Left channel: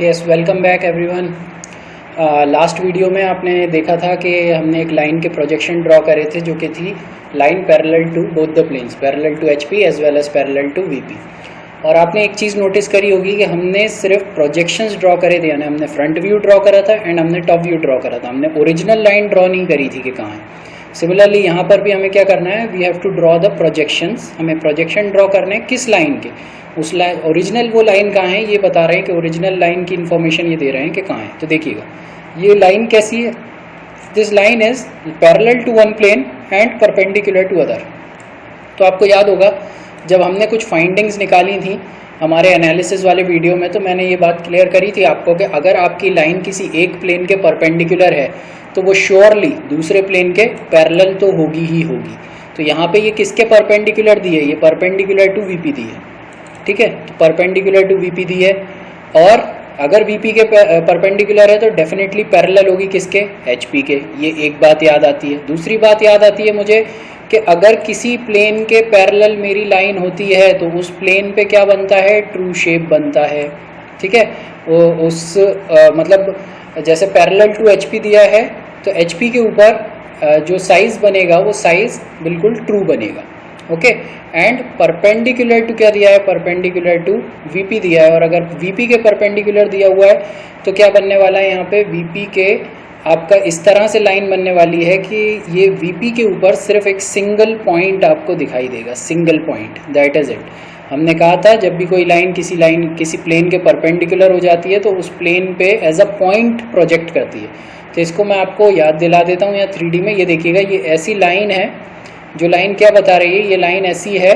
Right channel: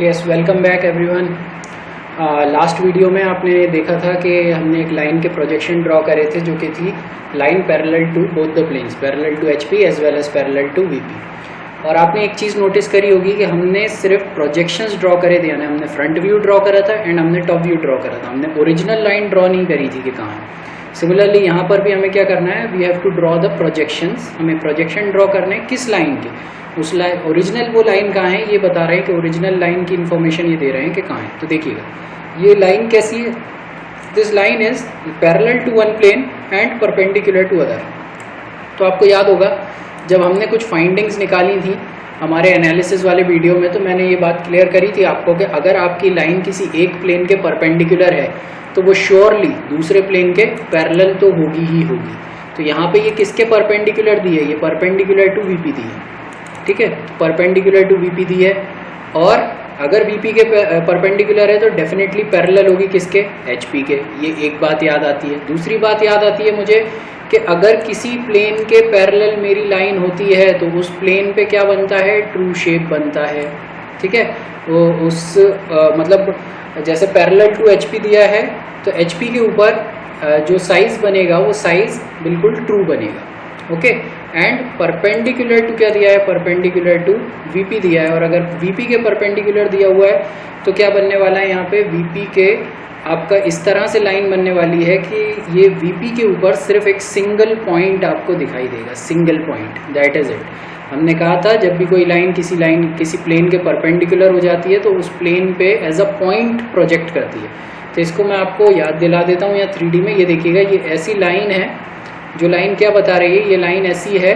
Yes, welcome back everyone. Last video में आपने देखा था कि हमने एक लाइन के प्रोजेक्शन ड्रॉ करे थे जो कि थी line parallel to both the planes, parallel to HP as well as parallel to VP. और आपने एक चीज़ नोटिस करी होगी कि हमने सिर्फ प्रोजेक्शंस ड्रॉ करे थे, यानी हमने फ्रंट व्यू ड्रॉ करा था एंड हमने टॉप व्यू ड्रॉ करा था। हमने ओरिजिनल लाइन ड्रॉ नहीं करी थी कि कहाँ है। सिमिलरली यहाँ पर भी हमें क्या करना है, we have to draw the projections. हमें प्रोजेक्शन ड्रॉ करने हैं किस लाइन के, उस लाइन ओरिजिनल वो लाइन कहाँ है ये बता रहे हैं कि ओरिजिनल लाइन की इन्फॉर्मेशन ये दे रहे हैं कि कहाँ है। तो देखिएगा ये लाइन कैसी है, this line is parallel to one plane and perpendicular to other. तो आपको याद होगा जब हमने कुछ फाइंडिंग्स निकाली थी हमारे एनालिसिस वाले वीडियो में, तो मैंने ये बात क्लियर करी थी आपको कि अगर आपकी लाइन किसी एक प्लेन के परपेंडिकुलर है तो वो श्योरली दूसरे प्लेन के पैरेलल तो होगी ही होगी। तो यहाँ पे ये किसके परपेंडिकुलर दी है, ये परपेंडिकुलर टू वीपी दी है, ठीक है, परपेंडिकुलर टू वीपी दी है। और अगर वीपी के परपेंडिकुलर है तो डेफिनेटली पैरेलल होगी किसके, एचपी के। ये एक बात याद आती है। दूसरी बात याद आती है मुझे कि अगर किसी प्लेन के पैरेलल मेरी लाइन होती है तो उस प्लेन पे क्या बनता है, ट्रू शेप बनता है, ठीक है। उस मतलब जैसे पैरेलल टू एचपी दिया है तो एचपी के ऊपर जो साइज़ बनेगा वो साइज़ बिल्कुल ट्रू बनेगा, ओके। एंड परपेंडिकुलर टू क्या दिया है, परपेंडिकुलर टू वीपी दिया है। और अगर वीपी के परपेंडिकुलर दिया हुआ है तो क्या बनने वाला है, यहाँ पे वीपी के आपका इस तरह से लाइन बनने वाली है कि ये वीपी के ऊपर सिर्फ एक सिंगल पॉइंट आपको दिखाई देगा, single point, that is it. हमने कहा था जब भी कोई लाइन किसी प्लेन के परपेंडिकुलर हो जाती है तो उस प्लेन पे एज अ पॉइंट प्रोजेक्ट करती है। तो इसको मैं आपको याद दिला देता हूँ यहाँ 3D में। ये देखिएगा, ये ऐसी लाइन है, जो लाइन क्या बता रही है, ये लाइन ऐसी है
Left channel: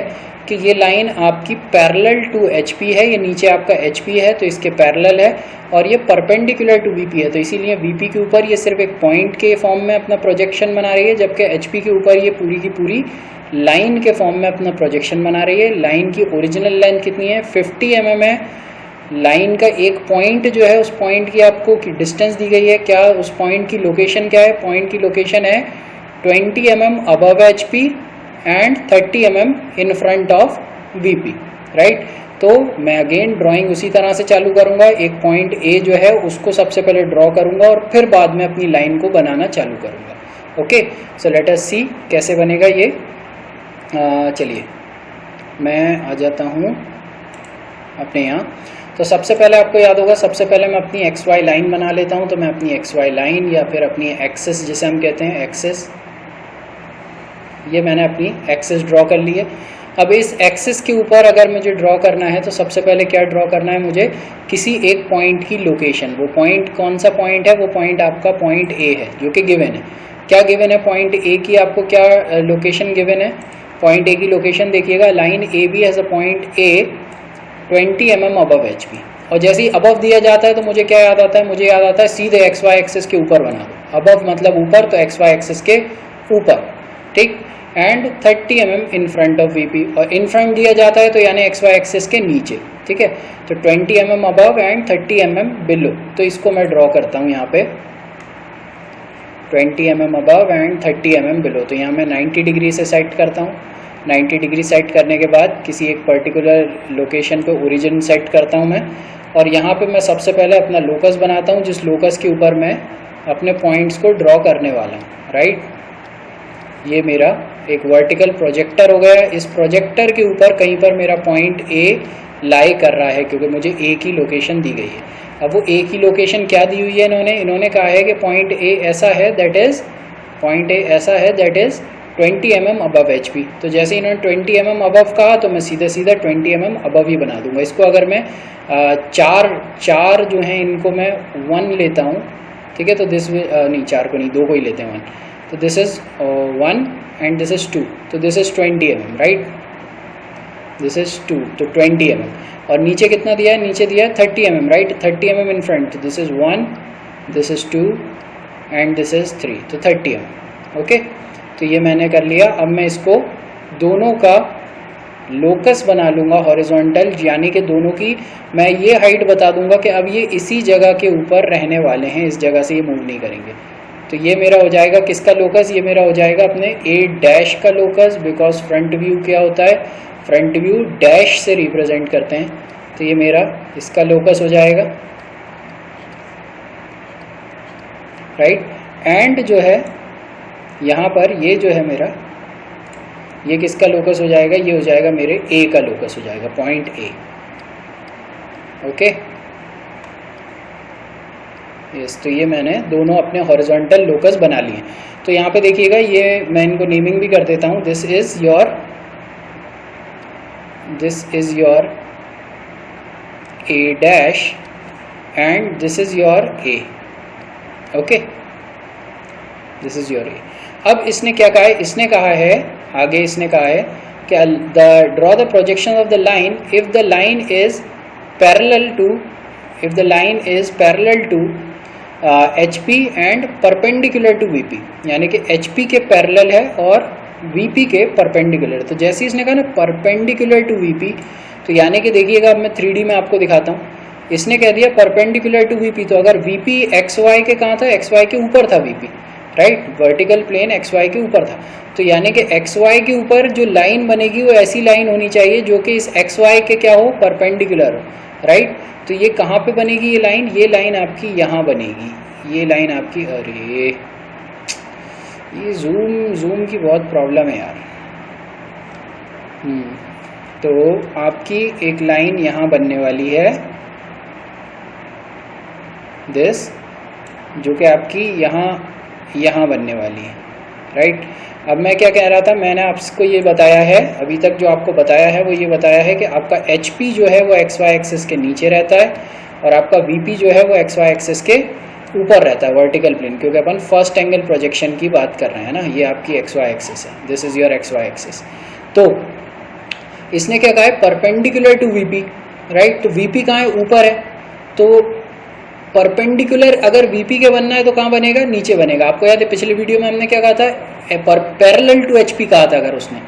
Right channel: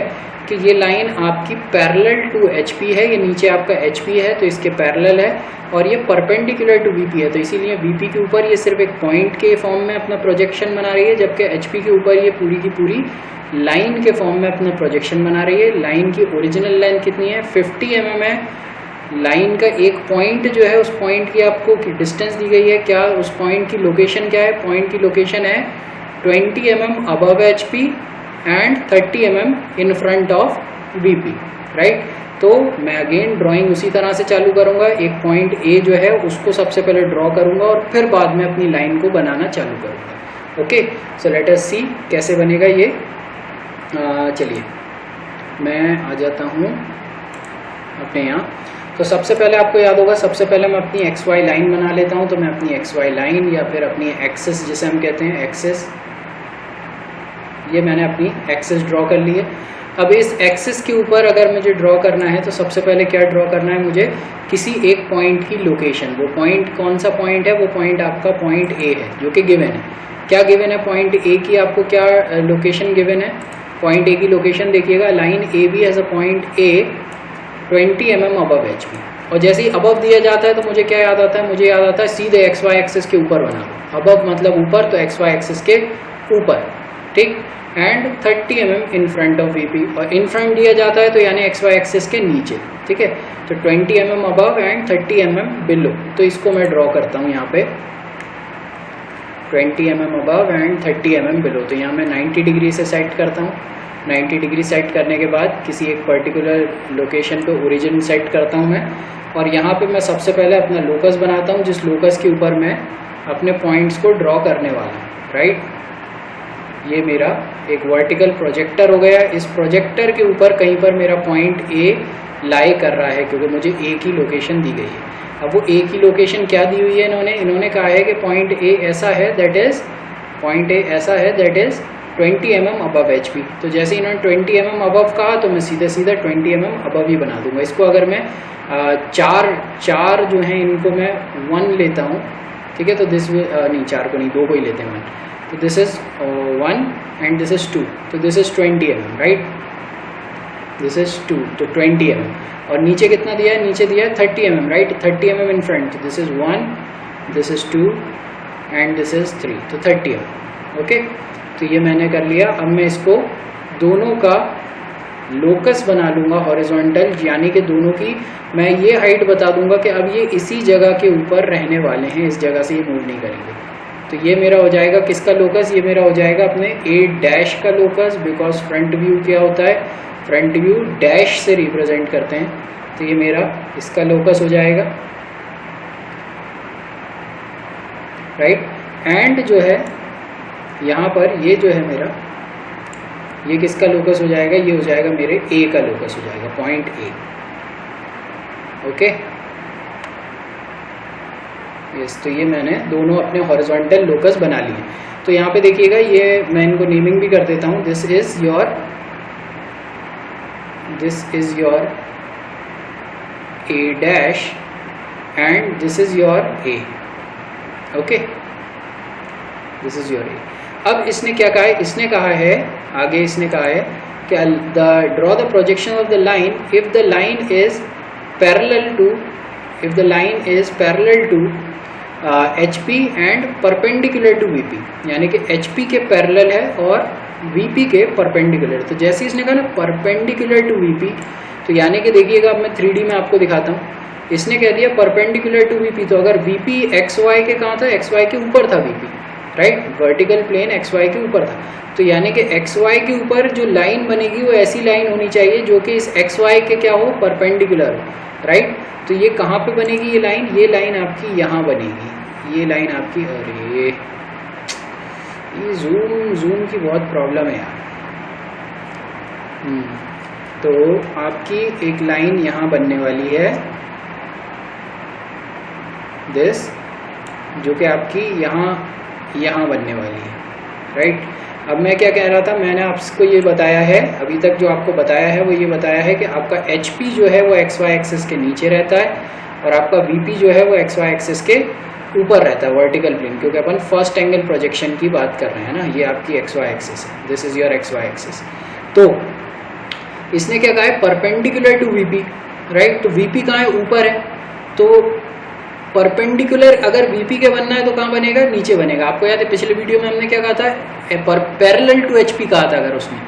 कि ये लाइन आपकी पैरेलल टू एचपी है, ये नीचे आपका एचपी है तो इसके पैरेलल है, और ये परपेंडिकुलर टू वीपी है। तो इसीलिए वीपी के ऊपर ये सिर्फ एक पॉइंट के फॉर्म में अपना प्रोजेक्शन बना रही है, जबकि एचपी के ऊपर ये पूरी की पूरी लाइन के फॉर्म में अपना प्रोजेक्शन बना रही है। लाइन की ओरिजिनल लेंथ कितनी है, 50 mm है। लाइन का एक पॉइंट जो है, उस पॉइंट की आपको डिस्टेंस दी गई है, क्या उस पॉइंट की लोकेशन क्या है, पॉइंट की लोकेशन है 20 mm above HP and 30 mm in front of VP, right. तो मैं अगेन ड्राइंग उसी तरह से चालू करूँगा। एक पॉइंट ए जो है उसको सबसे पहले ड्रॉ करूँगा और फिर बाद में अपनी लाइन को बनाना चालू करूँगा, ओके। सो लेट अस सी कैसे बनेगा ये। चलिए मैं आ जाता हूँ अपने यहाँ। तो सबसे पहले आपको याद होगा, सबसे पहले मैं अपनी एक्स वाई लाइन बना लेता हूँ। तो मैं अपनी एक्स वाई लाइन या फिर अपनी एक्सिस जिसे हम कहते हैं एक्सिस, ये मैंने अपनी एक्सिस ड्रॉ कर ली है। अब इस एक्सिस के ऊपर अगर मुझे ड्रॉ करना है तो सबसे पहले क्या ड्रॉ करना है मुझे, किसी एक पॉइंट की लोकेशन। वो पॉइंट कौन सा पॉइंट है, वो पॉइंट आपका पॉइंट ए है जो कि गिवन है। क्या गिवन है, पॉइंट ए की आपको क्या लोकेशन गिवन है, पॉइंट ए की लोकेशन देखिएगा, line A B as a point A 20 mm above H P. और जैसे ही अबव दिया जाता है तो मुझे क्या याद आता है, मुझे याद आता है सीधे एक्स वाई एक्सिस के ऊपर बना दो। अबव मतलब ऊपर, तो एक्स वाई एक्सिस के ऊपर, ठीक। And 30 mm in front of VP, और इन फ्रंट दिया जाता है तो यानी एक्स वाई एक्सिस के नीचे, ठीक है। तो 20 mm above and 30 mm below. तो इसको मैं ड्रॉ करता हूँ यहाँ पे 20 mm above and 30 mm below. तो यहाँ मैं 90 डिग्री से सेट करता हूँ। 90 डिग्री सेट करने के बाद किसी एक पर्टिकुलर लोकेशन पे ओरिजिन सेट करता हूँ मैं, और यहाँ पे मैं सबसे पहले अपना लोकस बनाता हूँ, जिस लोकस के ऊपर मैं अपने पॉइंट्स को ड्रॉ करने वाला हूँ, राइट। ये मेरा एक वर्टिकल प्रोजेक्टर हो गया। इस प्रोजेक्टर के ऊपर कहीं पर मेरा पॉइंट ए लाई कर रहा है क्योंकि मुझे ए की लोकेशन दी गई है। अब वो ए की लोकेशन क्या दी हुई है, इन्होंने कहा है कि पॉइंट ए ऐसा है, दैट इज़ पॉइंट ए ऐसा है that is 20 mm above H P. तो जैसे इन्होंने 20 mm अबव कहा तो मैं सीधा 20 mm अबव ही बना दूंगा। इसको अगर मैं चार जो हैं इनको मैं 1 लेता हूँ, ठीक है। तो दिस नहीं, 4 को नहीं, 2 को ही लेते हैं 1। तो this is 1 and this is 2, तो this is 20 mm, right. This is 2, तो 20 mm। और नीचे कितना दिया है, नीचे दिया है 30 mm, right. 30 mm in front, तो this is 1, this is 2 and this is 3, तो 30 mm, ओके। तो ये मैंने कर लिया। अब मैं इसको दोनों का लोकस बना लूँगा हॉरिजॉन्टल, यानी कि दोनों की मैं ये हाइट बता दूंगा कि अब ये इसी जगह के ऊपर रहने वाले हैं, इस जगह से ये मूव नहीं करेंगे। तो ये मेरा हो जाएगा किसका लोकस, ये मेरा हो जाएगा अपने ए डैश का लोकस, बिकॉज फ्रंट व्यू क्या होता है, फ्रंट व्यू डैश से रिप्रेजेंट करते हैं। तो ये मेरा इसका लोकस हो जाएगा, राइट। एंड जो है यहाँ पर ये जो है मेरा, ये किसका लोकस हो जाएगा, ये हो जाएगा मेरे ए का लोकस हो जाएगा, पॉइंट ए। ओके यस, तो ये मैंने दोनों अपने हॉरिजॉन्टल लोकस बना लिए। तो यहाँ पे देखिएगा, ये मैं इनको नेमिंग भी कर देता हूँ। This is your a dash and this is your a. Okay, this is your a. अब इसने क्या कहा है, इसने कहा है आगे, इसने कहा है कि draw the projection of the line if the line is parallel to HP and perpendicular to VP, यानी कि HP के पैरेलल है और VP के परपेंडिकुलर। तो जैसे इसने कहा ना परपेंडिकुलर टू VP, तो यानी कि देखिएगा, अब मैं 3D में आपको दिखाता हूँ। इसने कह दिया परपेंडिकुलर टू VP, तो अगर VP XY के कहाँ था, XY के ऊपर था VP, right, vertical plane XY के ऊपर था। तो यानी कि XY के ऊपर जो लाइन बनेगी वो ऐसी लाइन होनी चाहिए जो कि इस XY के क्या हो, परपेंडिकुलर हो, राइट। तो ये कहाँ पे बनेगी ये लाइन आपकी यहाँ बनेगी, ये लाइन आपकी। अरे ये जूम की बहुत प्रॉब्लम है यार। तो आपकी एक लाइन यहाँ बनने वाली है, दिस, जो कि आपकी यहाँ बनने वाली है, राइट। अब मैं क्या कह रहा था, मैंने आपको ये बताया है, अभी तक जो आपको बताया है वो ये बताया है कि आपका HP जो है वो XY एक्सिस के नीचे रहता है और आपका VP जो है वो XY एक्सिस के ऊपर रहता है, वर्टिकल प्लेन, क्योंकि अपन फर्स्ट एंगल प्रोजेक्शन की बात कर रहे हैं ना। ये आपकी XY एक्सिस है, this is your XY axis. तो इसने क्या कहा है, परपेंडिकुलर टू VP, राइट। तो VP कहाँ है, ऊपर है। तो परपेंडिकुलर अगर VP के बनना है तो कहाँ बनेगा, नीचे बनेगा। आपको याद है पिछले वीडियो में हमने क्या कहा था, पैरेलल टू HP कहा था अगर उसने,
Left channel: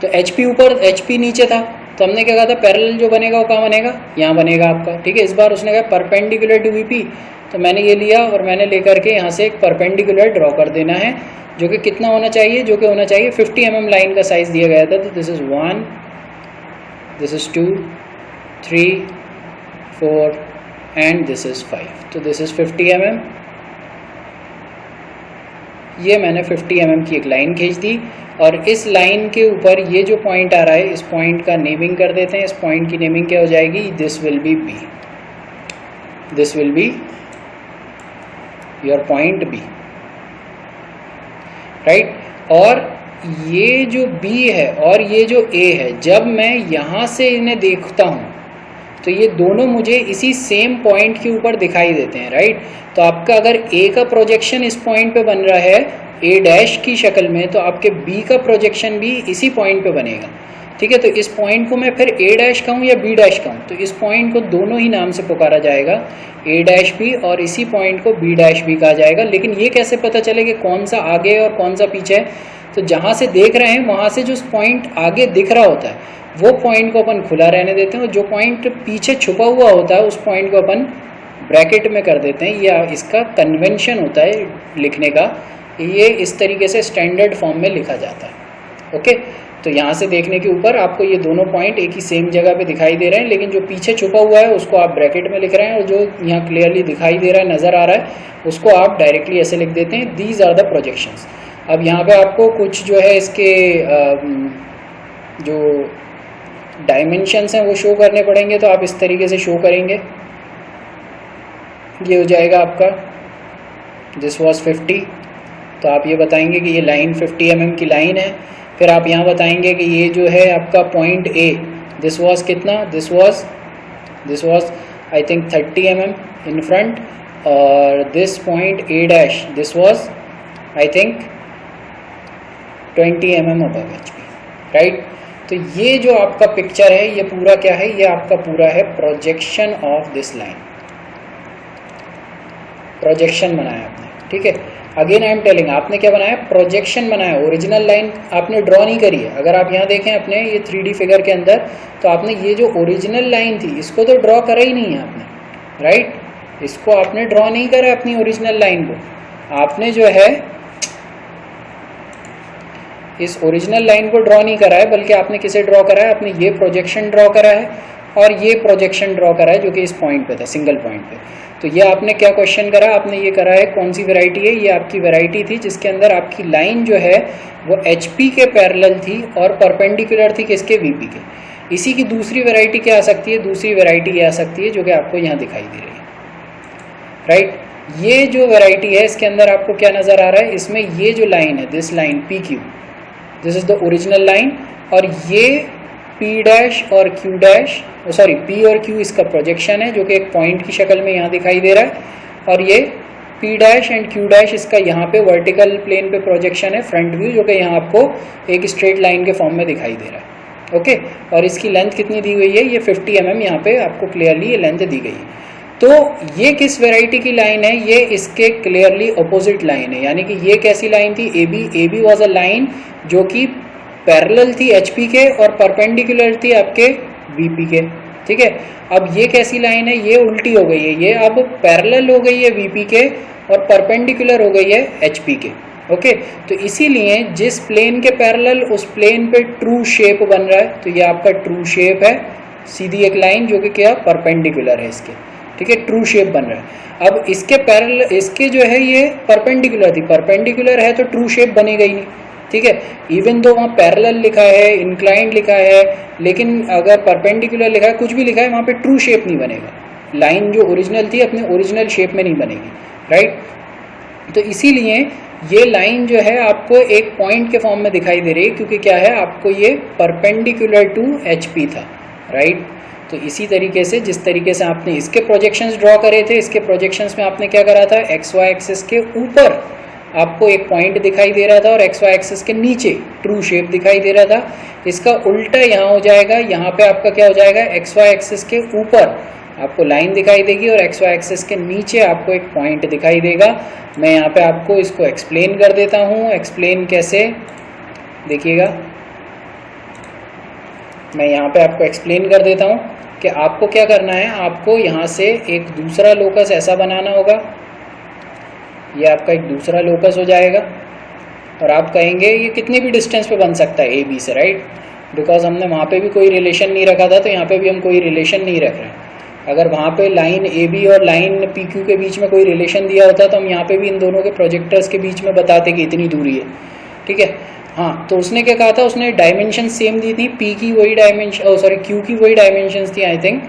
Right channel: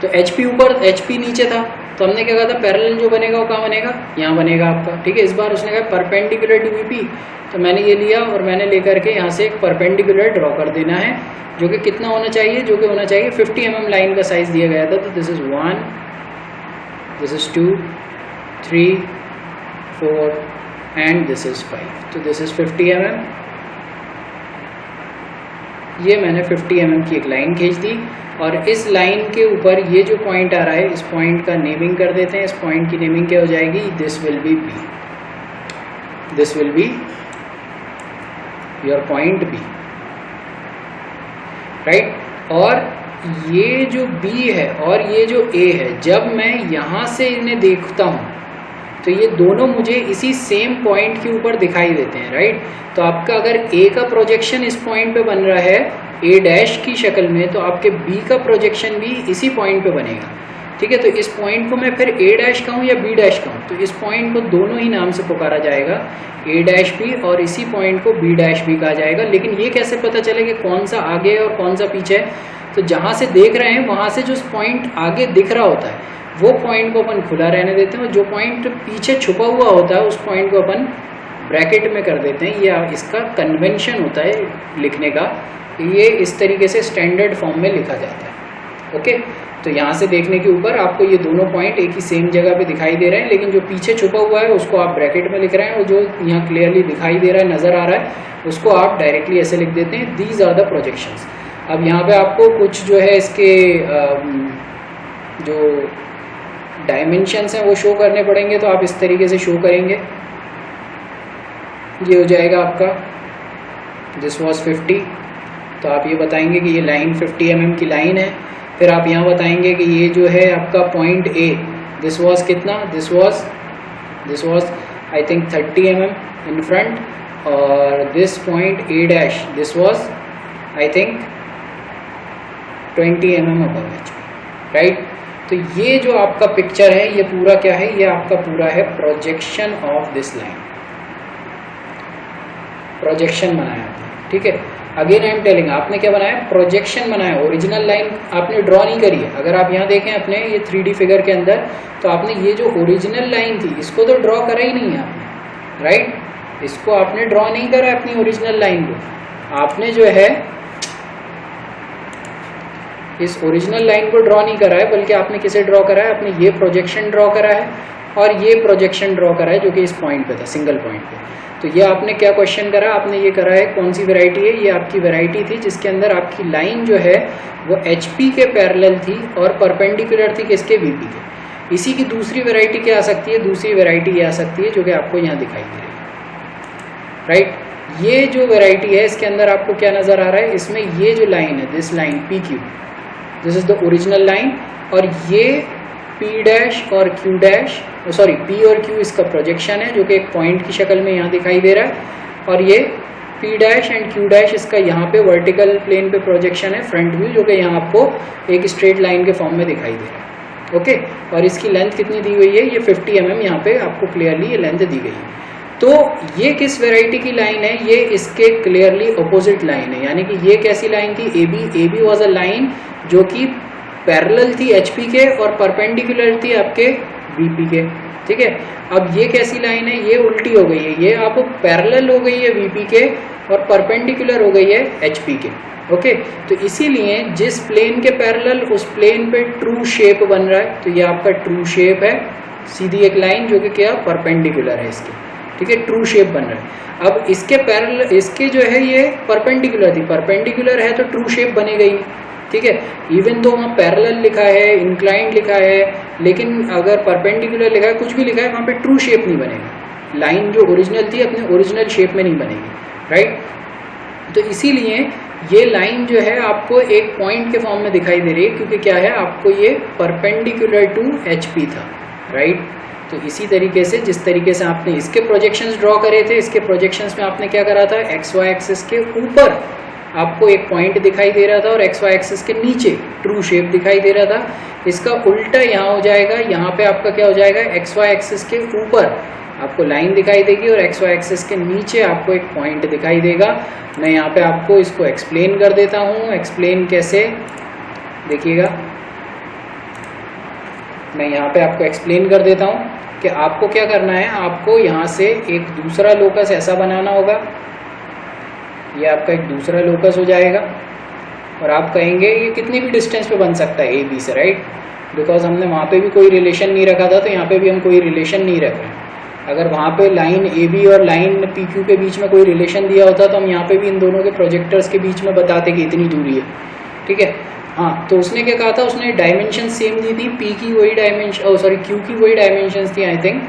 तो HP ऊपर HP नीचे था, तो हमने क्या कहा था, पैरेलल जो बनेगा वो कहाँ बनेगा, यहाँ बनेगा आपका, ठीक है। इस बार उसने कहा परपेंडिकुलर टू VP, तो मैंने ये लिया और मैंने लेकर के यहाँ से एक परपेंडिकुलर ड्रॉ कर देना है, जो कि कितना होना चाहिए, जो कि होना चाहिए 50 mm लाइन का साइज़ दिया गया था। तो this is 1, this is 2, 3, 4 and this is 5। तो दिस इज़ 50 mm। ये मैंने 50 mm की एक लाइन खींच दी और इस लाइन के ऊपर ये जो पॉइंट आ रहा है, इस पॉइंट का नेमिंग कर देते हैं। इस पॉइंट की नेमिंग क्या हो जाएगी, this will be B, this will be your point B, right. और ये जो B है और ये जो A है, जब मैं यहाँ से इन्हें देखता हूँ तो ये दोनों मुझे इसी सेम पॉइंट के ऊपर दिखाई देते हैं, राइट। तो आपका अगर A का प्रोजेक्शन इस पॉइंट पे बन रहा है A डैश की शक्ल में, तो आपके B का प्रोजेक्शन भी इसी पॉइंट पे बनेगा, ठीक है। तो इस पॉइंट को मैं फिर A डैश कहूँ या B डैश कहूँ, तो इस पॉइंट को दोनों ही नाम से पुकारा जाएगा, A डैश B, और इसी पॉइंट को B डैश B कहा जाएगा। लेकिन ये कैसे पता चले कि कौन सा आगे और कौन सा पीछे है, तो जहाँ से देख रहे हैं वहाँ से जो पॉइंट आगे दिख रहा होता है वो पॉइंट को अपन खुला रहने देते हैं, और जो पॉइंट पीछे छुपा हुआ होता है उस पॉइंट को अपन ब्रैकेट में कर देते हैं। ये इसका कन्वेंशन होता है लिखने का, ये इस तरीके से स्टैंडर्ड फॉर्म में लिखा जाता है। ओके, तो यहाँ से देखने के ऊपर आपको ये दोनों पॉइंट एक ही सेम जगह पे दिखाई दे रहे हैं, लेकिन जो पीछे छुपा हुआ है उसको आप ब्रैकेट में लिख रहे हैं, और जो यहाँ क्लियरली दिखाई दे रहा है, नज़र आ रहा है, उसको आप डायरेक्टली ऐसे लिख देते हैं, दीज आर द प्रोजेक्शंस। अब यहाँ पे आपको कुछ जो है इसके जो डायमेंशंस हैं वो शो करने पड़ेंगे, तो आप इस तरीके से शो करेंगे। ये हो जाएगा आपका, दिस वाज 50, तो आप ये बताएंगे कि ये लाइन 50 mm की लाइन है। फिर आप यहाँ बताएंगे कि ये जो है आपका पॉइंट A, दिस वाज कितना, this was I think 30 mm in front, और this point A dash, this was I think 20 mm above HP, right. तो ये जो आपका पिक्चर है, ये पूरा क्या है, ये आपका पूरा है projection of this line, projection बनाया आपने, ठीक है। अगेन आई एम टेलिंग, आपने क्या बनाया, प्रोजेक्शन बनाया, ओरिजिनल लाइन आपने ड्रॉ नहीं करी है। अगर आप यहाँ देखें अपने ये 3D फिगर के अंदर, तो आपने ये जो ओरिजिनल लाइन थी इसको तो ड्रॉ करा ही नहीं है आपने, राइट। इसको आपने ड्रॉ नहीं करा है, अपनी ओरिजिनल लाइन को आपने जो है इस ओरिजिनल लाइन को ड्रॉ नहीं करा है, बल्कि आपने किसे ड्रॉ करा है, आपने ये प्रोजेक्शन ड्रॉ करा है। और ये प्रोजेक्शन ड्रॉ करा है जो कि इस पॉइंट पे था, सिंगल पॉइंट पे। तो ये आपने क्या क्वेश्चन करा, आपने ये करा है कौन सी वैरायटी है, ये आपकी वैरायटी थी जिसके अंदर आपकी लाइन जो है वो HP के पैरेलल थी और परपेंडिकुलर थी किसके, VP के। इसी की दूसरी वैरायटी क्या आ सकती है, दूसरी वैरायटी ये आ सकती है जो कि आपको यहाँ दिखाई दे रही है, राइट। ये जो वैरायटी है इसके अंदर आपको क्या नज़र आ रहा है, इसमें ये जो लाइन है, this line PQ, this is the original line, और ये P डैश और Q डैश, सॉरी P और Q इसका प्रोजेक्शन है जो कि एक पॉइंट की शक्ल में यहाँ दिखाई दे रहा है, और ये P dash and Q dash इसका यहाँ पे वर्टिकल प्लेन पे प्रोजेक्शन है, फ्रंट व्यू, जो कि यहाँ आपको एक स्ट्रेट लाइन के फॉर्म में दिखाई दे रहा है, ओके। और इसकी लेंथ कितनी दी गई है, ये 50 mm यहाँ पे आपको क्लियरली ये लेंथ दी गई है। तो ये किस वैरायटी की लाइन है, ये इसके क्लियरली अपोजिट लाइन है, यानी कि ये कैसी लाइन थी, AB वाज अ लाइन जो कि पैरेलल थी HP के और परपेंडिकुलर थी आपके VP के, ठीक है। अब ये कैसी लाइन है, ये उल्टी हो गई है, ये अब पैरेलल हो गई है VP के और परपेंडिकुलर हो गई है HP के, ओके। तो इसीलिए जिस प्लेन के पैरेलल उस प्लेन पे ट्रू शेप बन रहा है, तो ये आपका ट्रू शेप है, सीधी एक लाइन जो कि क्या परपेंडिकुलर है इसके, ठीक है, ट्रू शेप बन रहा है। अब इसके पैरेलल, इसके जो है ये परपेंडिकुलर थी, परपेंडिकुलर है तो ट्रू शेप बनेगा ही नहीं, ठीक है। इवन तो वहाँ पैरेलल लिखा है, इंक्लाइंड लिखा है, लेकिन अगर परपेंडिकुलर लिखा है, कुछ भी लिखा है, वहाँ पे ट्रू शेप नहीं बनेगा, लाइन जो ओरिजिनल थी अपने ओरिजिनल शेप में नहीं बनेगी, राइट। तो इसीलिए ये लाइन जो है आपको एक पॉइंट के फॉर्म में दिखाई दे रही है, क्योंकि क्या है, आपको ये परपेंडिकुलर टू HP था, राइट। तो इसी तरीके से जिस तरीके से आपने इसके प्रोजेक्शंस ड्रॉ करे थे, इसके प्रोजेक्शंस में आपने क्या करा था, XY एक्सिस के ऊपर आपको एक पॉइंट दिखाई दे रहा था और XY एक्सिस के नीचे ट्रू शेप दिखाई दे रहा था। इसका उल्टा यहाँ हो जाएगा, यहाँ पे आपका क्या हो जाएगा, XY एक्सिस के ऊपर आपको लाइन दिखाई देगी और XY एक्सिस के नीचे आपको एक पॉइंट दिखाई देगा। मैं यहाँ पे आपको इसको एक्सप्लेन कर देता हूँ। एक्सप्लेन कैसे, देखिएगा, मैं यहाँ पे आपको एक्सप्लेन कर देता हूँ कि आपको क्या करना है। आपको यहाँ से एक दूसरा लोकस ऐसा बनाना होगा, ये आपका एक दूसरा लोकस हो जाएगा और आप कहेंगे ये कितनी भी डिस्टेंस पे बन सकता है AB से, राइट, बिकॉज हमने वहाँ पे भी कोई रिलेशन नहीं रखा था, तो यहाँ पे भी हम कोई रिलेशन नहीं रख रहे हैं। अगर वहाँ पे लाइन AB और लाइन PQ के बीच में कोई रिलेशन दिया होता तो हम यहाँ पे भी इन दोनों के प्रोजेक्टर्स के बीच में बताते कि इतनी दूरी है, ठीक है। हाँ, तो उसने क्या कहा था, उसने डायमेंशन सेम दी थी, P की वही डायमेंशन, सॉरी Q की वही डायमेंशंस थी, आई थिंक,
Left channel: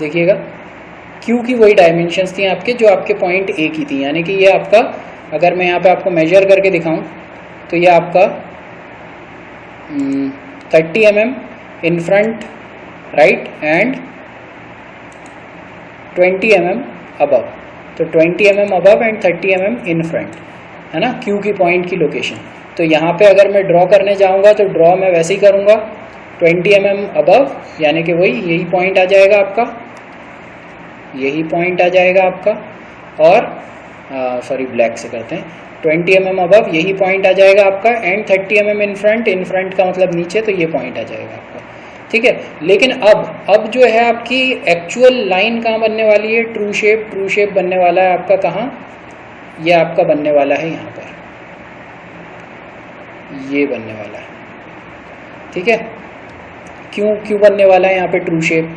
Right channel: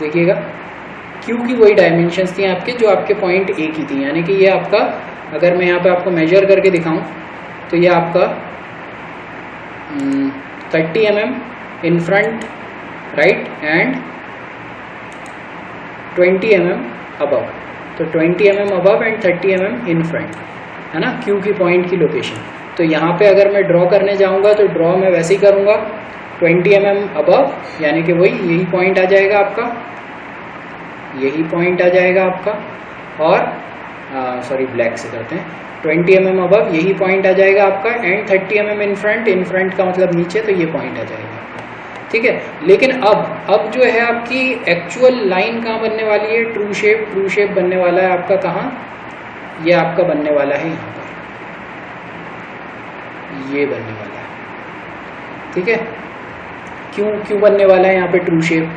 देखिएगा, Q की वही डायमेंशंस थी आपके जो आपके पॉइंट A की थी। यानी कि ये आपका, अगर मैं यहाँ पे आपको मेजर करके दिखाऊं तो ये आपका 30 mm in front, right, and 20 mm above. तो 20 mm above and 30 mm in front, है ना, Q की पॉइंट की लोकेशन। तो यहाँ पे अगर मैं ड्रॉ करने जाऊँगा तो ड्रॉ मैं वैसे ही करूँगा, 20 mm अबव, यानी कि वही यही पॉइंट आ जाएगा आपका, यही पॉइंट आ जाएगा आपका, और सॉरी ब्लैक से करते हैं, 20 mm अबव यही पॉइंट आ जाएगा आपका, एंड 30 mm इन फ्रंट का मतलब नीचे, तो ये पॉइंट आ जाएगा आपका, ठीक है। लेकिन अब जो है आपकी एक्चुअल लाइन कहाँ बनने वाली है, ट्रू शेप बनने वाला है आपका कहाँ, ये आपका बनने वाला है यहाँ पर, ये बनने वाला है, ठीक है। क्यों बनने वाला है यहाँ पे ट्रू शेप,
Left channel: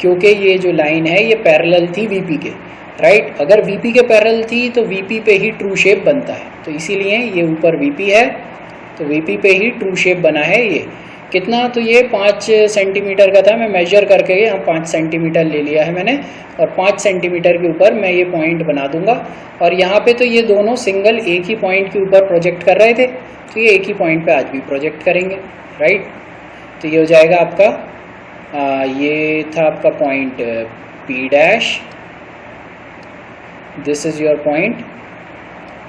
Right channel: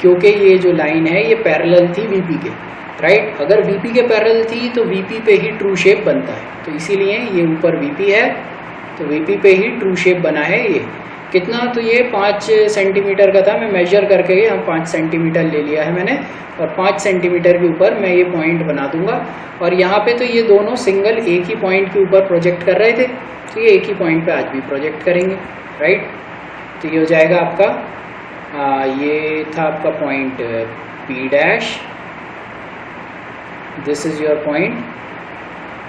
क्योंकि ये जो लाइन है ये पैरेलल थी VP के, राइट। अगर VP के पैरेलल थी तो VP पे ही ट्रू शेप बनता है, तो इसीलिए ये ऊपर VP है तो VP पे ही ट्रू शेप बना है। ये कितना, तो ये 5 सेंटीमीटर का था, मैं मेजर करके यहाँ 5 सेंटीमीटर ले लिया है मैंने, और 5 सेंटीमीटर के ऊपर मैं ये पॉइंट बना दूंगा। और यहाँ पे तो ये दोनों सिंगल एक ही पॉइंट के ऊपर प्रोजेक्ट कर रहे थे, तो ये एक ही पॉइंट पे आज भी प्रोजेक्ट करेंगे, राइट। तो ये हो जाएगा आपका ये था आपका point P dash, this is your point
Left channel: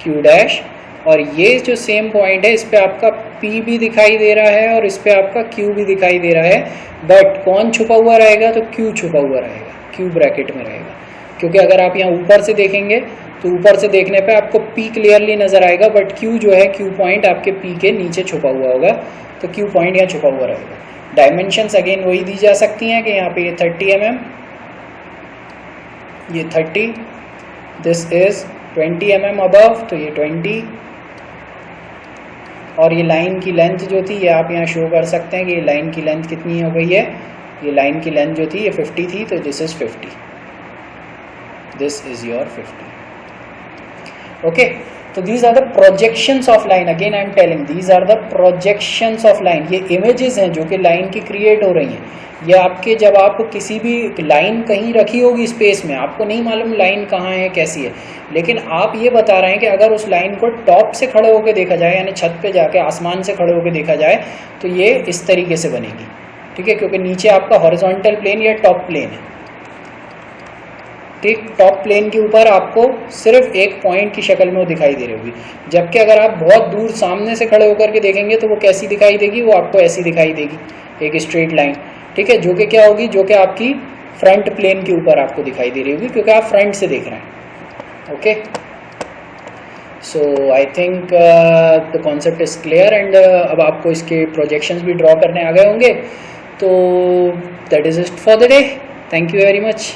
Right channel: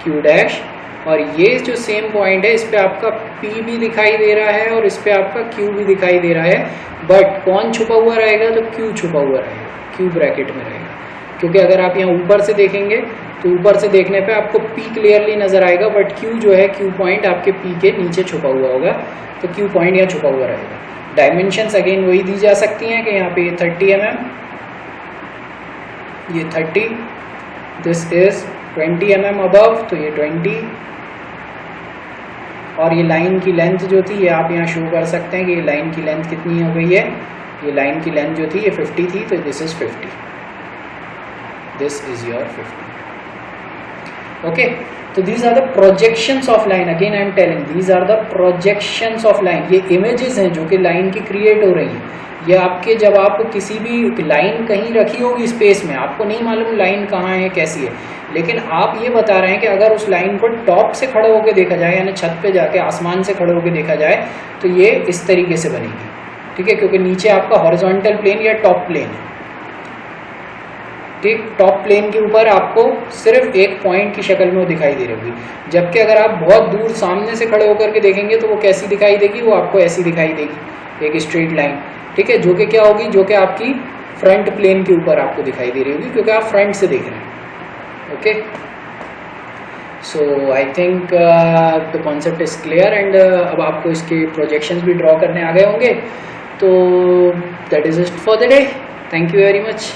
Q dash, और ये जो सेम पॉइंट है इस पे आपका P भी दिखाई दे रहा है और इस पे आपका Q भी दिखाई दे रहा है, बट कौन छुपा हुआ रहेगा, तो Q छुपा हुआ रहेगा, Q ब्रैकेट में रहेगा, क्योंकि अगर आप यहाँ ऊपर से देखेंगे तो ऊपर से देखने पे आपको P क्लियरली नज़र आएगा, बट Q जो है, Q पॉइंट आपके P के नीचे छुपा हुआ होगा, तो Q पॉइंट यहाँ छुपा हुआ रहेगा। डायमेंशंस अगेन वही दी जा सकती हैं कि यहाँ पे ये 30 mm, ये 30, दिस इज़ 20 mm अबव, तो ये 20, और ये लाइन की लेंथ जो थी ये आप यहाँ शो कर सकते हैं कि ये लाइन की लेंथ कितनी हो गई है, ये लाइन की लेंथ जो थी ये 50 थी, तो this is 50, this is your 50। Okay, तो these are the projections of line, again I am telling these are the projections of line. ये इमेजेस हैं जो कि लाइन की क्रिएट हो रही हैं। ये आपके, जब आप किसी भी लाइन कहीं रखी होगी स्पेस में, आपको नहीं मालूम लाइन कहाँ है कैसी है, लेकिन आप ये बता रहे हैं कि अगर उस लाइन को टॉप से खड़े होकर देखा जाए, यानी छत पे जाके आसमान से खड़े होकर देखा जाए, तो ये इस तरीके से बनेगी, ठीक है, क्योंकि नीचे आपका हॉरिजॉन्टल प्लेन या टॉप प्लेन है, ठीक। टॉप प्लेन के ऊपर आपको सिर्फ एक पॉइंट की शक्ल में वो दिखाई दे रही होगी, जबकि अगर आप बहुत दूर सामने से खड़े होकर के देखेंगे तो वो कैसी दिखाई देगी, वो आपको ऐसी दिखाई देगी, एक स्ट्रेट लाइन, ठीक है, जो कि क्या होगी, जो कि आपकी फ्रंट प्लेन के ऊपर आपको दिखाई दे रही होगी, क्योंकि आप फ्रंट से देख रहे हैं। Okay, so I think the concept is clear and अब आपको इसके प्रोजेक्शंस भी ड्रॉ करने आ गए होंगे। तो that is it for the day, thank you very much.